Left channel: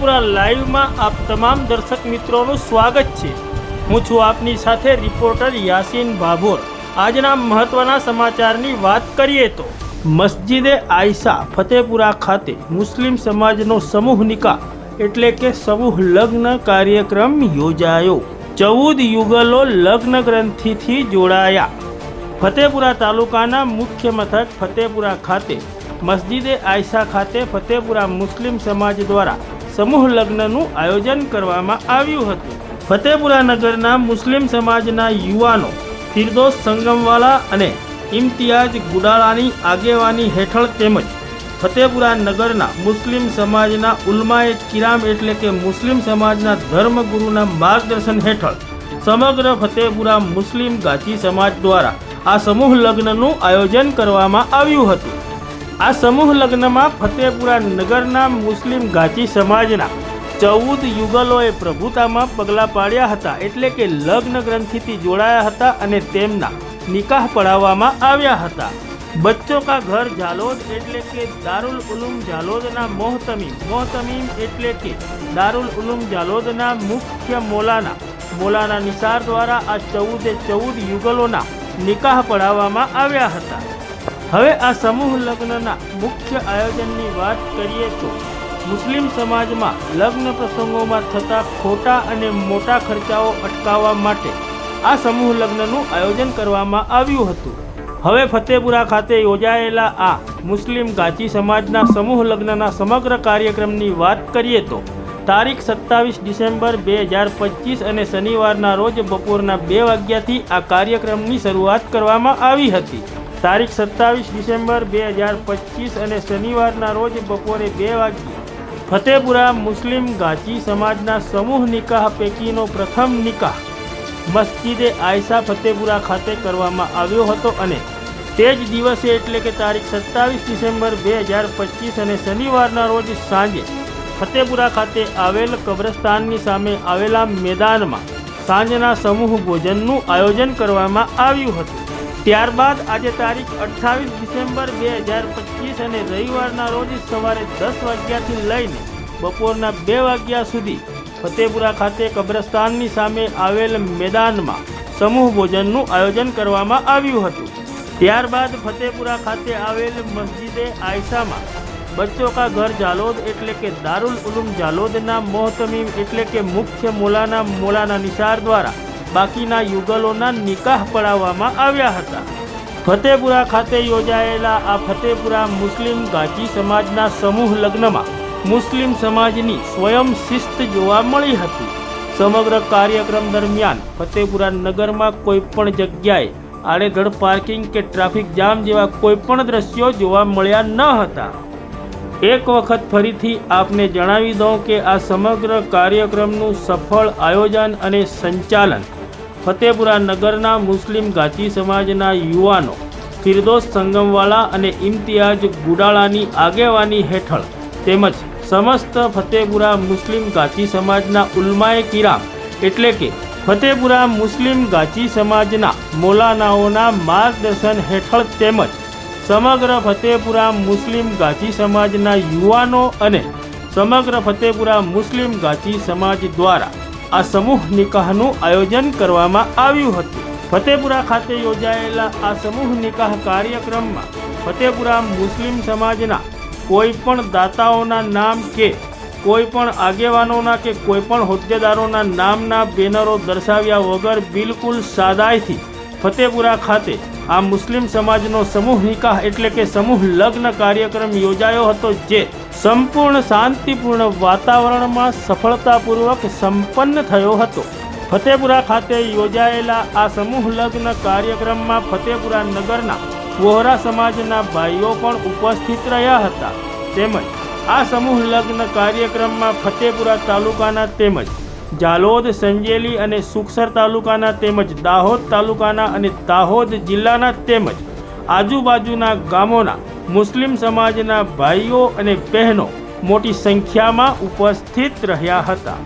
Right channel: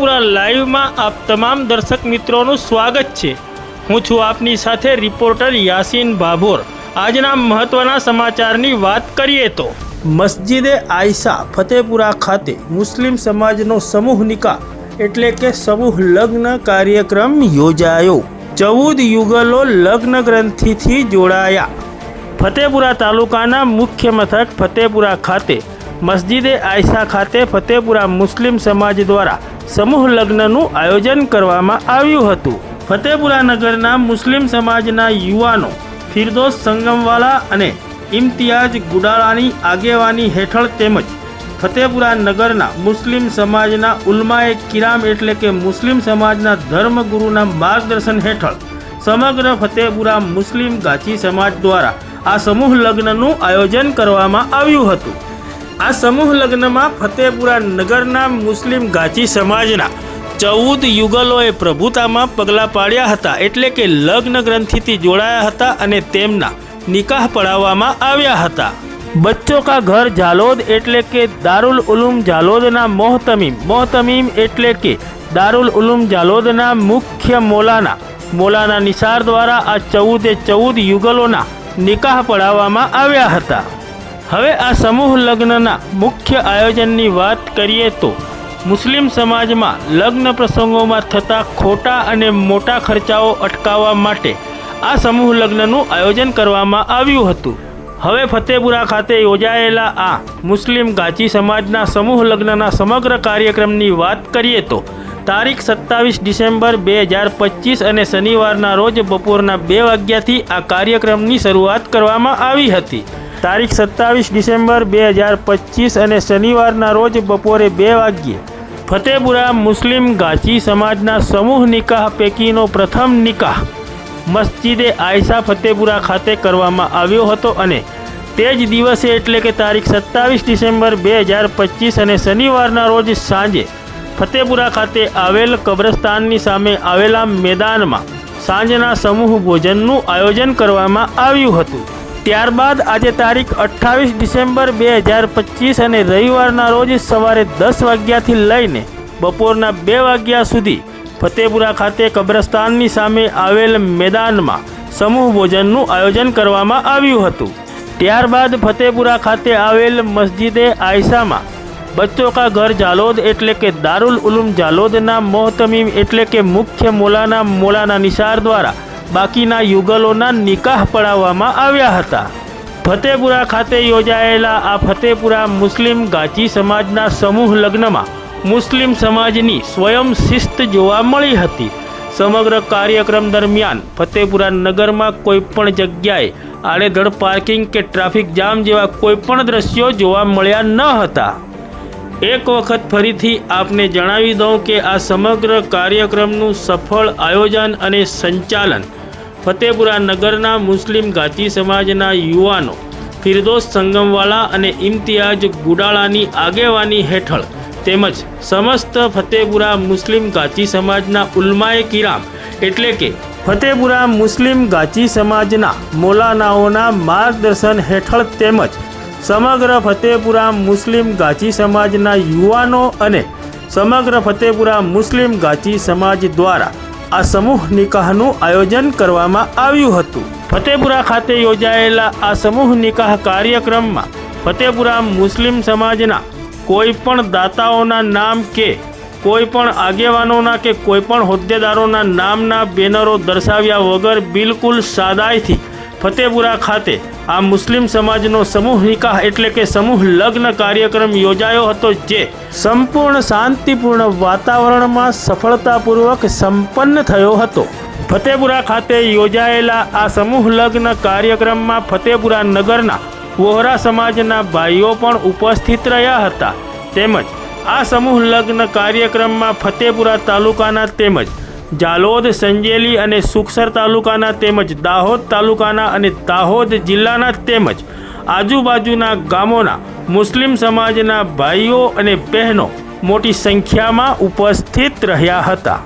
ફતેપુરા લાઈવમાં આપ તમામ દર્શક મિત્રોનું સ્વાગત છે. હું છું આપની સાથે રિપોર્ટર યાસીન ભાભોર આજના મહત્વના સમાચારની વાત કરીએ તો, મસ્જિદે આયશા ફતેપુરા ખાતે મુસ્લિમ સમાજનો સમૂહ નિકાહ એટલે કે સમૂહ લગ્ન કાર્યક્રમ યોજાયો. ચૌદ યુગલો લગ્ન ગ્રંથિથી જોડાયા. ફતેપુરા તાલુકાના મુખ્ય મથક ફતેપુરા ખાતે, મસ્જિદે આયશા ખાતે ફતેપુરા મુસ્લિમ સમાજ દ્વારા સમૂહ લગ્નનું આયોજન કરવામાં આવ્યું હતું. ફતેપુરા નગરના મુસ્લિમ સમાજના યુવાનો ફિરદોસ સંગમવાલા અને ઇમ્તિયાજ ગુડાળાની આગેવાની હેઠળ તેમજ ફતેપુરા નગરના મુસ્લિમ સમાજના ઉલમાએ કિરામ એટલે કે મુસ્લિમ સમાજના ધર્મગુરુના માર્ગદર્શન હેઠળ સમગ્ર ફતેપુરા મુસ્લિમ ગાચી સમાજ દ્વારા આ સમૂહ લગ્નનું આયોજન કરવામાં આવ્યું હતું. આ સમૂહ લગ્નમાં ફતેપુરા નગરના મુસ્લિમ ગાચી સમાજના ચૌદ યુગલોએ પ્રભુતામાં પગલાં પાડ્યા હતા એટલે કે લગ્ન ગ્રંથિથી જોડાયા હતા અને તેમના નિકાહ પડાવવામાં આવ્યા હતા. બચ્ચો કા ઘર જાલોદ એટલે કે દારુલ ઉલુમ જાલોદના મોહતમીમ. મોહતમીમ એટલે કે દારુલ ઉલુમ જાલોદના મુખ્ય મોલાના. મોલાના નિસાર દ્વારા આ ચૌદે ચૌદ યુગલોના નિકાહ પડાવવામાં આવ્યા હતા. હવે આ સમૂહ લગ્નના મુખ્ય આયોજનની વાત કરીએ તો મુસ્લિમ સમાજમાં લગ્ન પ્રસંગોમાં થતા ખોટા અને મોટા ખર્ચાઓ અટકાવવા માટે આ સમૂહ લગ્નનું આયોજન કરવામાં આવ્યું હતું. હવે ફતેપુરા ખાતે યોજાયેલા આ મુસ્લિમ ગાચી સમાજના સમૂહ લગ્નના સમગ્ર કાર્યક્રમની વાત કરીએ તો તારીખ સત્તાવીસ ડિસેમ્બર બે હજાર પચીસ અને શનિવારના રોજ બપોરના બે વાગ્યાથી આ કાર્યક્રમની શરૂઆત કરવામાં આવી હતી. તારીખ સત્તાવીસ ડિસેમ્બર બે હજાર પચીસ અને શનિવારના રોજ બપોરે બે વાગ્યે ફતેપુરા મુસ્લિમ ગાચી સમાજના સમૂહ નિકાહ પૈકીનો પ્રથમ નિકાહ મસ્જિદે આયશા ફતેપુરા ખાતે કરવામાં આવ્યો હતો અને તે જ દિવસે એટલે કે તારીખ સત્તાવીસ ડિસેમ્બર બે હજાર પચીસ અને શનિવારના રોજ સાંજે ફતેપુરા ખાતે આવેલ કબ્રસ્તાનની સામે આવેલા મેદાનમાં સાંજના સમૂહ ભોજનનું આયોજન કરવામાં આવ્યું હતું. ત્યારબાદ આજે તારીખ અઠ્ઠાવીસ ડિસેમ્બર બે હજાર પચીસ અને રવિવારના રોજ સવારે દસ વાગ્યાથી લઈને બપોરના બે વાગ્યા સુધી ફતેપુરા ખાતે કબ્રસ્તાનની સામે આવેલ મેદાનમાં સમૂહ ભોજનનું આયોજન કરવામાં આવ્યું હતું. ત્યારબાદ ફતેપુરા ખાતે આવેલ મસ્જિદે આયશામાં બચ્ચો કા ઘર જાલોદ એટલે કે દારૂલ ઉલુમ જાલોદના મોહતમીમ એટલે કે મુખ્ય મોલાના મોલાના નિશાર દ્વારા બાકીના યુગલોના નિકાહ પડાવવામાં આવ્યા હતા. ફતેપુરા ખાતે યોજાયેલા આ ફતેપુરા મુસ્લિમ ગાચી સમાજના સમૂહ લગ્નમાં મુસ્લિમ સમાજની સ્વયં શિસ્ત જોવા મળી હતી. સમગ્ર કાર્યક્રમ દરમિયાન ફતેપુરા નગરમાં કોઈ પણ જગ્યાએ આડેધડ પાર્કિંગ કે ટ્રાફિક જામ જેવા કોઈ પણ દ્રશ્યો જોવા મળ્યા ન હતા. એક વખત ફરીથી આપને જણાવી દઉં કે આ સમગ્ર કાર્યક્રમનું સફળ આયોજન અને સંચાલન ફતેપુરા નગરના મુસ્લિમ ગાચી સમાજના યુવાનો ફિરદોસ સંગમવાલા અને ઇમ્તિયાજ ગુડાળાની આગેવાની હેઠળ તેમજ સમસ્ત ફતેપુરા મુસ્લિમ ગાચી સમાજના ઉલ્માએ કિરામ એટલે કે ફતેપુરા મુસ્લિમ ગાચી સમાજના મોલાનાઓના માર્ગદર્શન હેઠળ તેમજ સમગ્ર ફતેપુરા મુસ્લિમ ગાચી સમાજના યુવાનો અને સમગ્ર ફતેપુરા મુસ્લિમ ગાચી સમાજ દ્વારા આ સમૂહ નિકાહનું આયોજન કરવામાં આવ્યું હતું. ફતેપુરા ખાતે યોજાયેલા આ સમૂહ નિકાહ કાર્યક્રમમાં ફતેપુરા મુસ્લિમ સમાજના કોઈ પણ દાતાઓના નામ કે કોઈ પણ આગેવાનોના કે કોઈ પણ હોદ્દેદારોના નામના બેનરો દર્શાવ્યા વગર બિલકુલ સાદાઈથી ફતેપુરા ખાતે આ મુસ્લિમ સમાજનો સમૂહ નિકાહ એટલે કે સમૂહ લગ્ન કાર્યક્રમ યોજાયો હતો જે સંપૂર્ણ શાંતિપૂર્ણ વાતાવરણમાં સફળતાપૂર્વક સંપન્ન થયો હતો. ફતેપુરા ખાતે યોજાયેલા આ સમૂહ લગ્ન કાર્યક્રમમાં ફતેપુરા નગરના વોહરા સમાજના ભાઈઓ પણ ઉપસ્થિત રહ્યા હતા. તેમજ આ સમૂહ લગ્ન કાર્યક્રમમાં ફતેપુરા તાલુકાના તેમજ જાલોદ, સંજેલી અને સુખસર તાલુકાના તેમજ દાહોદ તાલુકાના અને દાહોદ જિલ્લાના તેમજ આજુબાજુના ગામોના મુસ્લિમ સમાજના ભાઈઓ અને બહેનો મોટી સંખ્યામાં ઉપસ્થિત રહ્યા હતા.